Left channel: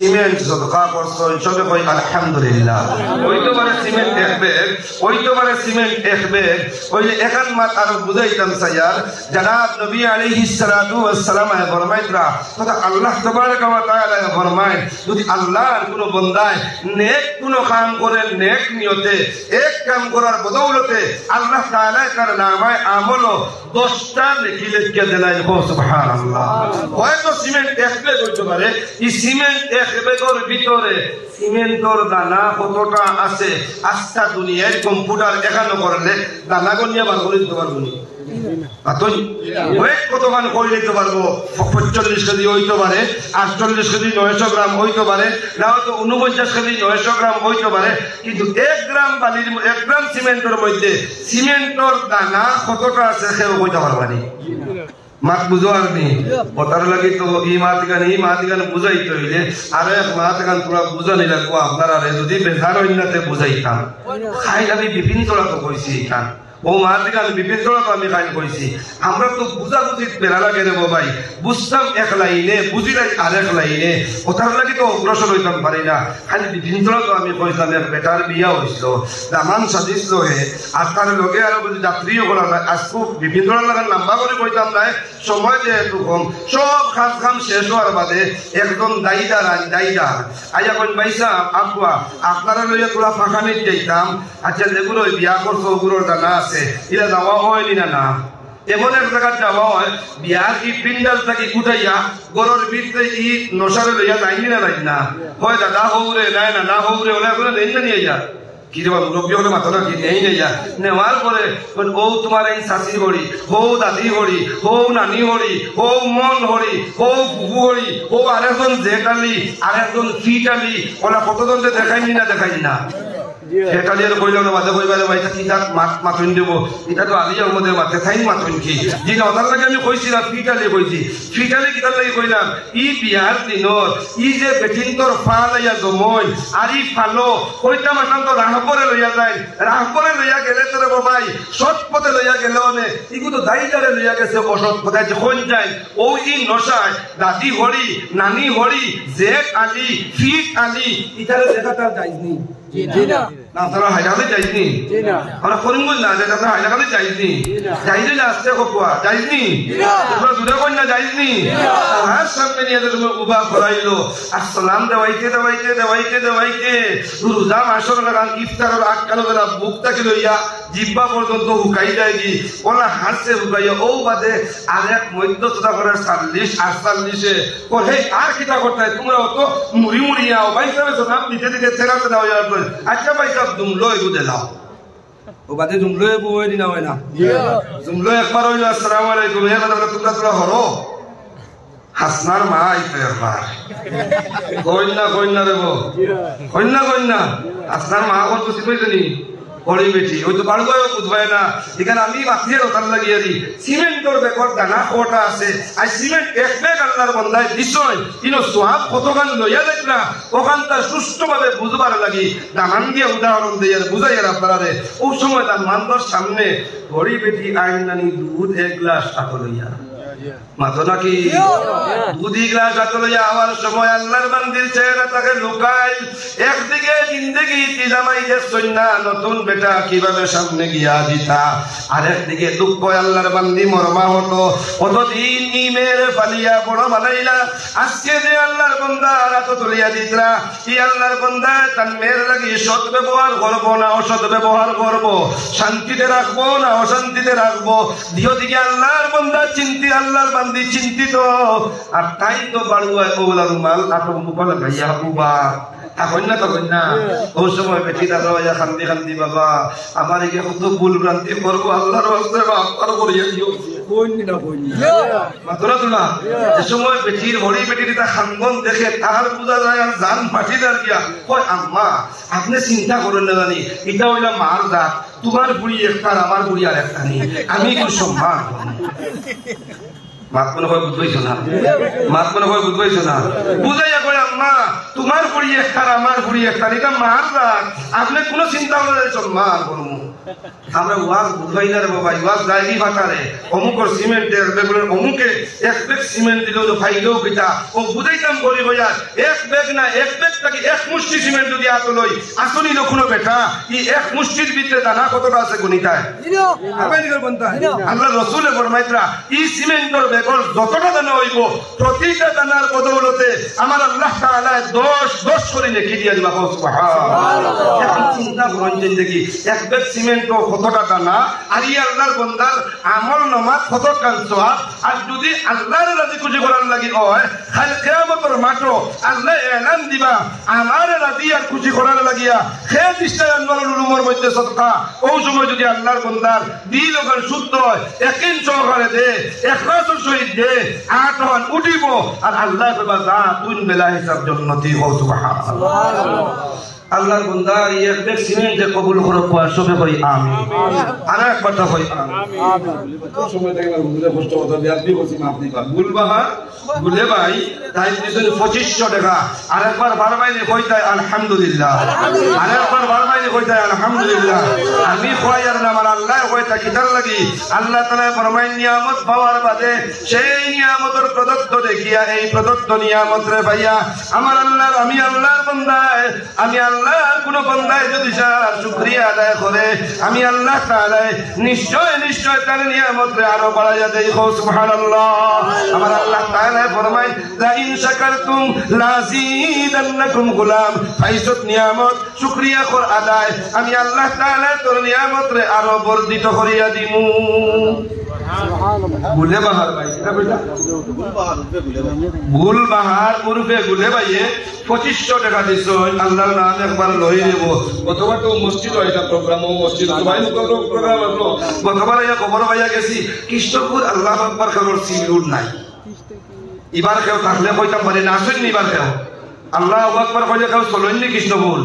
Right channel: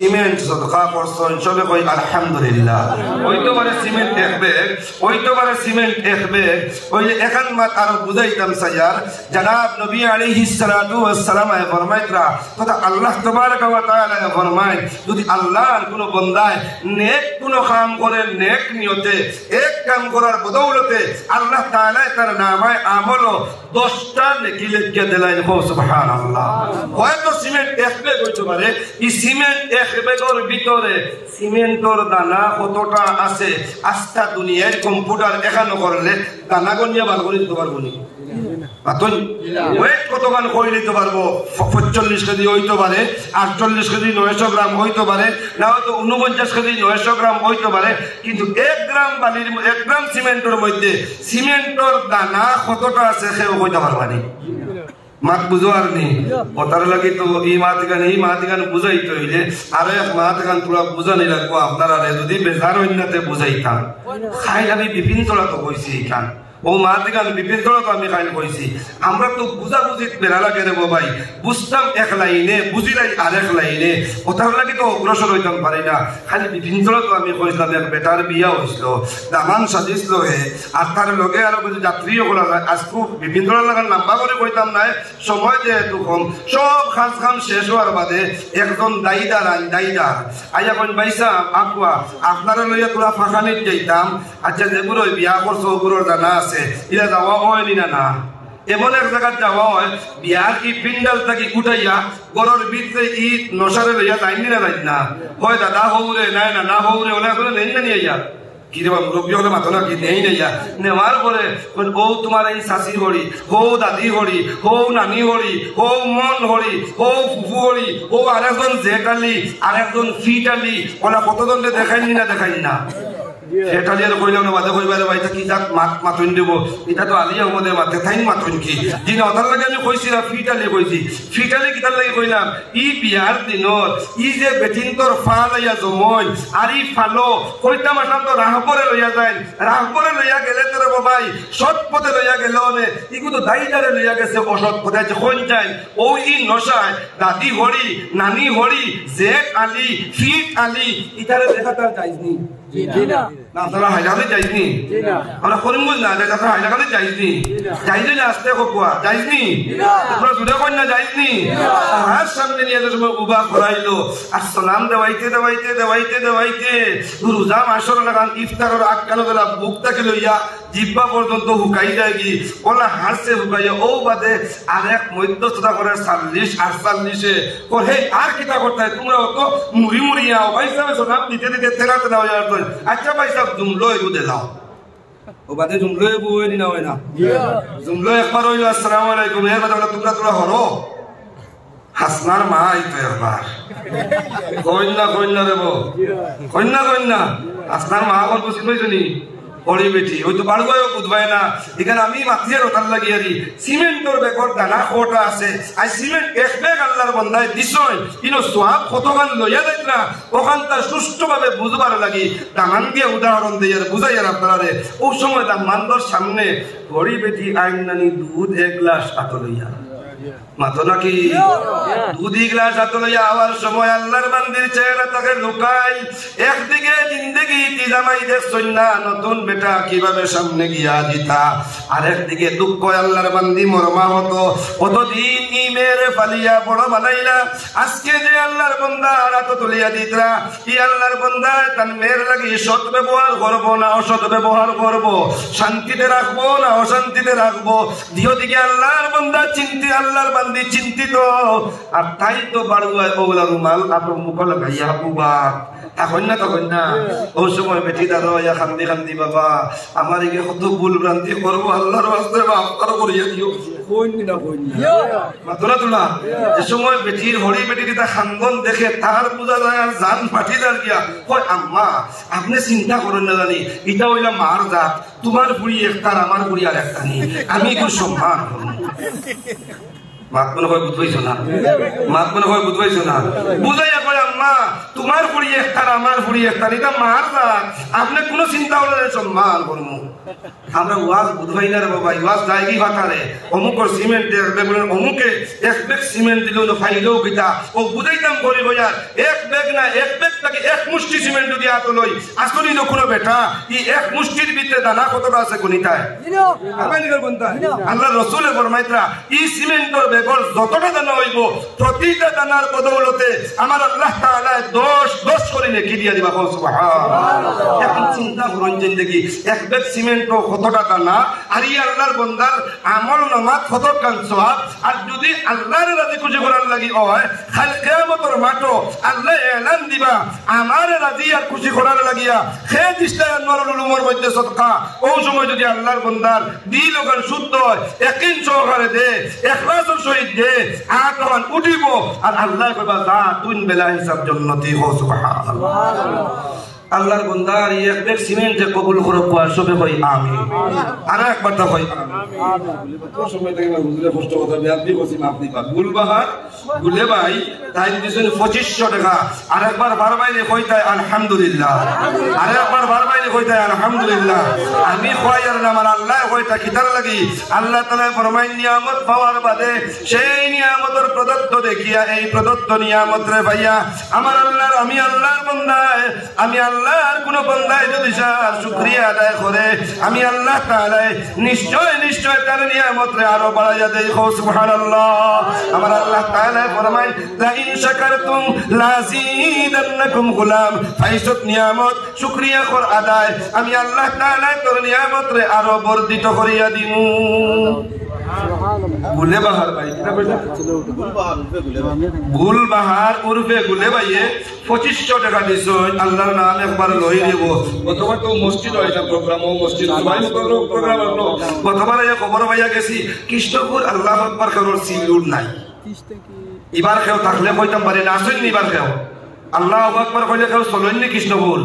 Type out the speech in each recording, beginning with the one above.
Cement সদকা করছেন সবে কই আলহামদুলিল্লাহ। হইতে পারে সিমেন্ট এক ব্যাগ, হইতে পারে সিমেন্ট এক ব্যাগ। ওই এখান মাত আর বুঝাইতাম স্যার, জনাব নবী আলাইহিস সালাতু ওয়াস সালাম ফরমাইতরা তোরা আল্লাহ তাবারাক ওয়া তাআলা ফরমায় যদি আল্লাহর কোনো বান্দায় নেক কোনো কাম করে নেক নিয়তে এক কাম করার বদৌলতে আল্লাহ তাআলা তার নামায় আমল 10টা নেকি লিখে দেয়। সুবহানাল্লাহ। হয়তো সিমেন্ট এক ব্যাগ হইতে পারে, এই সিমেন্ট এক ব্যাগের ভিতরে সিমেন্টর দানা কতটা আছে আস্থা দুনিয়ায় কম্পিউটার এখানে করলে দানা গনিয়ে বার করে দিতে পারবো নি? কতক্ষণ করে নিতে পারবো? 45 কেজি হইতে পারে, 48 কেজি 900 গ্রাম হইতে পারে, না হয়তো 49 কেজি 900 গ্রাম হইতে পারে, কিন্তু 1 গ্রাম বালির 1 গ্রাম সিমেন্টের মধ্যে সিমেন্টর দানা কতটা আছে সেও হইতে পারবে না। মাত বুঝো আর নি ওটার লাগি তো এই মাতিগান বুঝাইতে হইলে আর এক মাতিগান পুরো বুঝানি লাগবো আপনারা যদি বেজার হইনাতে বুঝাইতাম। খাই আমি বিভিন্ন তলা তো কইছি এখান ও মাতিগান বিভিন্ন তলা আমি খাই কইছি। আমরা তো বুঝাবুঝি বেড়া লাগে রে ভাই, বুঝতাম এক লাইনে বুঝিলাই আর এক লাইনে, ওটার লাগি তো অগ্রসর হইতাম পারি না। খালি বিভিন্ন তলা তো আমি কইছিলাম বেটার বিয়া হয়েছিল দামান সাজিছিল হে আর তার লগে আর যাত্রীও করা যায় আজকে বিভিন্ন তলা লম্বা করে কইতাম নাই সময় যেহেতু কম সব খাম শেষ হওয়ার বাদে একজন দায়ীদার আইয়া কোন পয়সা আপুয়া আপনারা লইয়া তোরা ফাঁকা নিতে যাইতাম। আচ্ছা যেগুলো বিয়া করছো ওগুলোর জানা আছে এটা যাওয়া হয়নি না এমন এক জায়গায় যাওয়া হয় বিয়ার কি পিন্ডাল থাকি উঠাইয়া গরুর ভিতরে কি নশারে লইয়া যাইনি না হয় দাদা হৌরে নাই না হৌরে ওনা করে নেই না নিয়ে যা কি রে বাবু রবি ওগুলো মাথা কি নেই যা নেওয়ার পরে ও তোমার এই শাশি হরি হো দাদি হরি হো নানি হরি হো মন হরি হো ফুফু হরি ও আরেকজন জেঠালি আরেকজন ফিটালি ওরা কতজন দেখাইনি না সেটা যেন কইলাম না বাদে কইবা ভাইটা কি থাক মাথুন দেব এটা তো আলিয়ার মধ্যে মাথা থাই মাথুন কি দিন ওটার লাগে আমি কইছিলাম ফিটালি কিতার লাগে কইলাম ই বিয়ার দিনত ই যে বেটিন তোর ফা লইয়া জমই আর ই ফালো কইতা মাঠান তো রাহপরে লইয়া যায় রাহপরে লইয়া গেলে তোর বাবাই সৎ পথে লইয়া গেল নে ইগুলো দাইদারে লইয়া গেছে বসত কোথায় যখন যায় ও ই নশায় দাদি হরি নানি হরি জেট আলি ফিট আলি ইতারে দেখা তার যাইনি না আপনারা হাইলাকাতে যাইনি আমরা করিমগঞ্জ না যে আপনারা হাইলাকাতে যাইনি যাইনি আসতে কোপা যাইনি তোমরা জুদা কন্যা যাইনি আর সামনে নিয়ে তোমার উবা করাইলো আর সালাম দেওয়াইতে রোজা মাসর লাগান ইফতারের আটকানো বেলা বুকটাকে লইয়া জিব্বা পর্যন্ত হুকাই যায়গি ওরা হাসছে হুকাইয়া ও বাদে আর এক মধ্যস্থতা করে 40-48 হে আর কিতা করতে তোমরা অত মুড়ি আও ভাই সাহেব সালাম দিতে তেরাতে দাও আচ্ছা ভাই সাহেব জুমলো এগু দেলাও ও বাদে জুমলো এগু হইনি না হয় না জুমলো একবার হইলো আসসালামু আলাইকুম হে দাদা তোমরা হরো হাসনার মা আইতে একবার কইনা দেবো কইনা হাসনার মা আমার বুঝি পাইছনি হরি বেটি ওই তো বাড়ুয়া বুঝবাই না এখানে আমি মাথিয়ে রোটান লাগিয়ে দিই সিমেন্টের বেকর দানা কোটা আছে আর সিমেন্ট এক ব্যাগ আল্লাহর বান্দায় দিছয় ইনো সোহাব কতখান লইয়া দেখ না ওখান তার সুষ্ঠুভাবে বুঝবার লাগি দামান গিয়ে উদাহরণ দিয়ে বুঝাইয়ের আপনারে ও সময় তার মানবর সামনে হরি বেটি আইন নানি দুধ 1 গ্লাস হাতে লইয়া মাতো নাকি দুধ 1 গ্লাস হাতে লইয়া আবার সময় আল্লাহর বান্দির চেহারা তাকে লুকাই একদিকে জিন্দগি তিজামাই দেখছই না নতুন বেটা কিভাবে সামনে গিয়া দিতা আরেকদিকে দুঃখ আল্লাহর বান্দি মরমা হতো কতদিন ইমের ফালিয়া বড় বানাইলা আজকে যে আল্লাহর বান্দা রাত তুলিয়া দিতরা কি আল্লাহর বান্দা তার মেয়ের লাগি সৎ ব্যবহার করবো না অসৎ ব্যবহার করবো শান্তিতে রাখবো না অশান্তিতে রাখবো দিকে আল্লাহর বান্দা আল্লাহর বান্দি চিন্তিত আর তাই তো বাড়ুয়া ওগুলা রুমাল আপনার মুখে লাগাইয়া উবার এখন না তখন না ওই সময় বেটি দাদা খান্দি বাবা আমার একে কত ভুল ভ্রান্তি করবো আল্লাহর রাস্তে মাফ করিয়া দিও সময় বেটির হরি বেটির খানগন দেখে তার বোঝা যায় জান ফাটি দাঁড় গিয়া কয় আম্মা আপনি চিন্তা করেন না জানি এটা হইলা মার জাত তোমার বুড়ি একটা আমার বুড়ি আর একটা নেই আমি একটু সম্মান মাত মনে হয় বুঝাইছে না বুঝাইয়া কয় আম্মা তোমার বুড়ি একটা আমার বুড়ি একটা এটা মার আপনি কোনো চিন্তা করে সম্মান করবো আমরা ওয়াজ বুঝাই না রে বাবা ওয়াজ দায়ী বাকারে অমুকর সিমেন্টের বেগুনের অমুকে এক ব্যাগ সিমেন্ট দিল ফাইলেও পিতা ও বুঝাইতাম বলি ভাইয়া এক ব্যাগ না এক ব্যাগ থেকে এক মুষ্টি সিমেন্ট যদি আতো লই আসলে কোনো বেটা এই এক মুষ্টির ভিতরে দানা কতটা আছে গুনিতায় আপনাদের বলতা আল্লাহ রাসূলের ফরমাইতরা এই সিমেন্টের বেগর যতটা দানা হইব প্রতিটা দানার বদৌলতে আমার আল্লাহ তাআলা 10 করে নেকি দিয়া দিবা সুবহানাল্লাহ এখন চিন্তা করুন জিন্দেগি এক ব্যাগ সিমেন্ট কতটা দানা আর এই আল্লাহর বান্দার আমল নামাজ কত কাল সওয়াব আর যদি আল্লাহর রাজি খুশি করার লাগি হয় খালি কিয়ামতের মাঠে আল্লাহ এলান দিবা আমার রাজি আর খুশি করার লাগিয়া খেয়ে দিশটা আল্লাহর উলুমের মধ্যে সদকা ওই সময় যদি আল্লাহর বান্দার দিল ওখানে শুদ্ধ হয় একদিন সহকারে দে ইখলাসের সহিত দে আতমান উঠিব আর আল্লাহ বাবা যা তুই বেলা হিসাব জান্নাতি হো সুবহানাল্লাহ আল্লাহর বান্দা এক ব্যাগ সিমেন্ট যে কবুল করব সবে কই আমিন আর এক কথা কই আমিন কোন সময় থেকে হুজুরে কষ্ট কথা বিয়াদবি করছি মাফ দিবা গুলবাহার গুলে ভাই তাই দিছেন 2500 টাকা আরেকবার বারবাইলে কইতাই আলহামদুলিল্লাহ আরেকবার বারবাইলে কইতাই আলহামদুলিল্লাহ আমি কইয়ার নাম আল্লাহ কইতা কিদার লাগি আল্লাহ তাআলা ফরমায় নিয়ামত পাওয়ার বাদে সেই নিয়ামতের প্রদত্ত দেখিয়া এই প্রদত্ত নিয়ামত রে ভাইয়া আমার আল্লাহ আমি আল্লাহর বান্দা আমি আল্লাহর কোন বান্দায় যদি শুকরিয়া আদায় করে আমি আল্লাহ তাআলা নিশ্চয় তার নিয়ামত রে আরো বাড়াইয়া দেই সুবহানাল্লাহ আমার আল্লাহ তাআলা ফরমায় লা ইন শাকারতুম লাযীদান্নাকুম গোলাম ফাইসত নিয়ামত শুকরিয়া কর আদায় আমি আল্লাহ তাআলা তোর নিয়ামত রে আরো বর্ধিত করিয়া দিমু গুলে বাহার ভাই গুল বাহার উর্ফে গুলে ভাইয়ে 2500 টাকা দিছ আল্লাহর নাম একবার লই দেব গতবার তো মসজিদ হইতা প্রোগ্রাম মসজিদ বাইশ প্রোগ্রাম হলো গতবার এই খবর ভাইয়া গেছি কৃষ্ণপুর আল্লাহু আকবার খবর সিলুন নাই এবার কেউ থাকলে কইতা পারে না আসেন নি এবার কেউ আল্লাহু আকবার কইলে কেউ চলেন নি কৃষ্ণপুর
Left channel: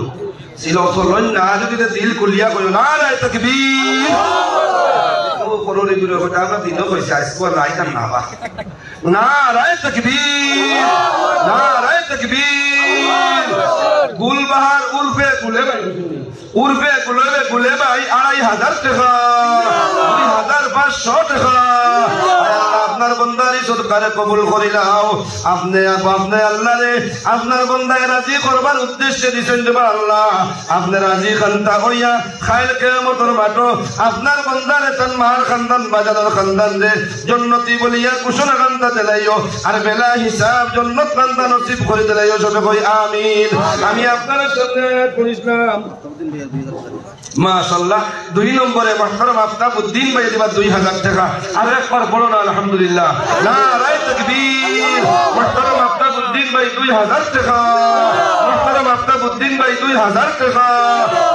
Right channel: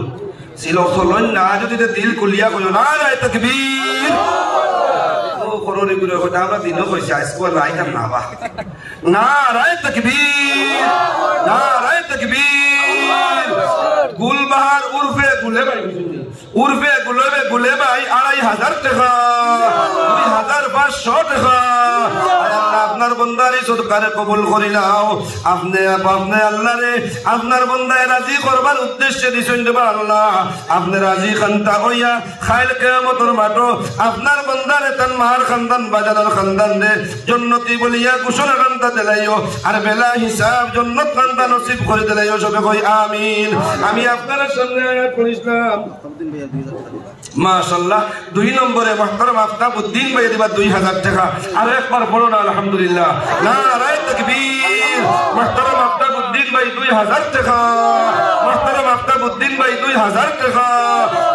ছিল চলেন না যদি দিল কুলিয়া কইও না রে তাকবীর করোরে গুলো কথা আমরা দিনও কইছে আজকে নাই কার না রায় তাকবীর না রায় তাকবীর গুলবাহার উরফে গুলে ভাই গুলে ভাই 2500 টাকা 2500 টাকা আপনার বন্দারি সরকারে কবুল করিলাও আপনি আল্লাহরে আপনার বন্দায় রাজি করবার উদ্দেশ্যে দিছেন যে আল্লাহ আপনি রাজি খান্তা হইয়া খাইল কিয়ামতের মাঠে আপনার বন্দারে তার মার খানদান বাজানোর খানদান দে জান্নাতি বলিয়া ঘোষণা খান্তা দিলাইও আর বেলা হিসাব জান্নাত খানদা নসিব করে দিলাইও সবে কই আমিন আমি আপনার সঙ্গে পড়িলাম মাশাআল্লাহ 2 নম্বরে মুহতারাম আফতাবউদ্দিন ভাই দিবা 2000 টাকা আর একবার বলো না আলহামদুলিল্লাহ নারায়ে তাকবীর মুহতারাম আফতাবউদ্দিন ভাই 2000 টাকা মুহতারাম আফতাবউদ্দিন ভাই 2000 টাকা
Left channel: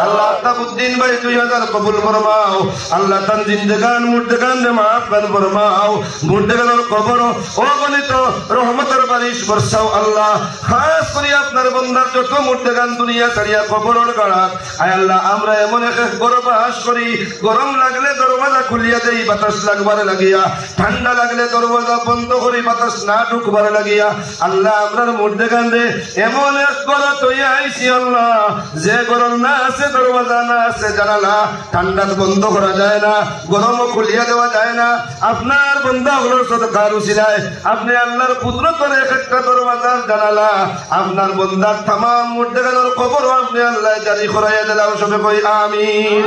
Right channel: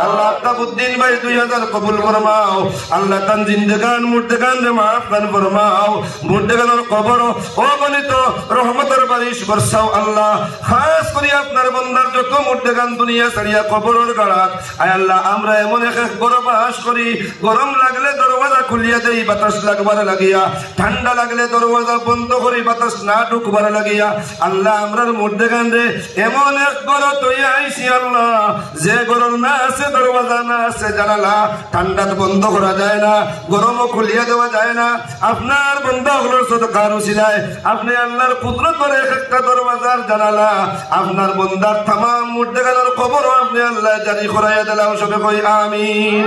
আল্লাহ আফতাবউদ্দিন ভাই 2000 কবুল ফরমাও আল্লাহ তান জিন্দেগান মুর্দেগান মাফ ফরমাও মুর্দেগানের কবর ও গনিত রহমতের বারিশ বর্ষাও আল্লাহ খাস করে আপনার বান্দার যত মুর্দেগান দুনিয়া ছাড়িয়া কবরের গাড়াত আয় আল্লাহ আমরা এমন এক গরম বাস করি গরম লাগলে দরওয়াজা খুলিয়া দেই বাতাস লাগবার লাগিয়া ঠান্ডা লাগলে দরওয়াজা বন্ধ করি বাতাস না ঢুকবার লাগিয়া আল্লাহ আমরার মুর্দেগান রে এমন এক গরম তৈরি আইছি আল্লাহ যে গরম না আছে দরওয়াজা না আছে জানালা ঠান্ডা বন্ধ করা যায় না গরমও খুলিয়া দেওয়া যায় না আপনার বান্দা হলো সদকার উসিলায় আপনি আল্লাহর কুদরত করে একটা দরওয়াজার জানালা আপনার বান্দার तमाम মুর্দেগানের কবর আপনি আল্লাহ জারি করাইয়া দিলাম সবে কই আমিন।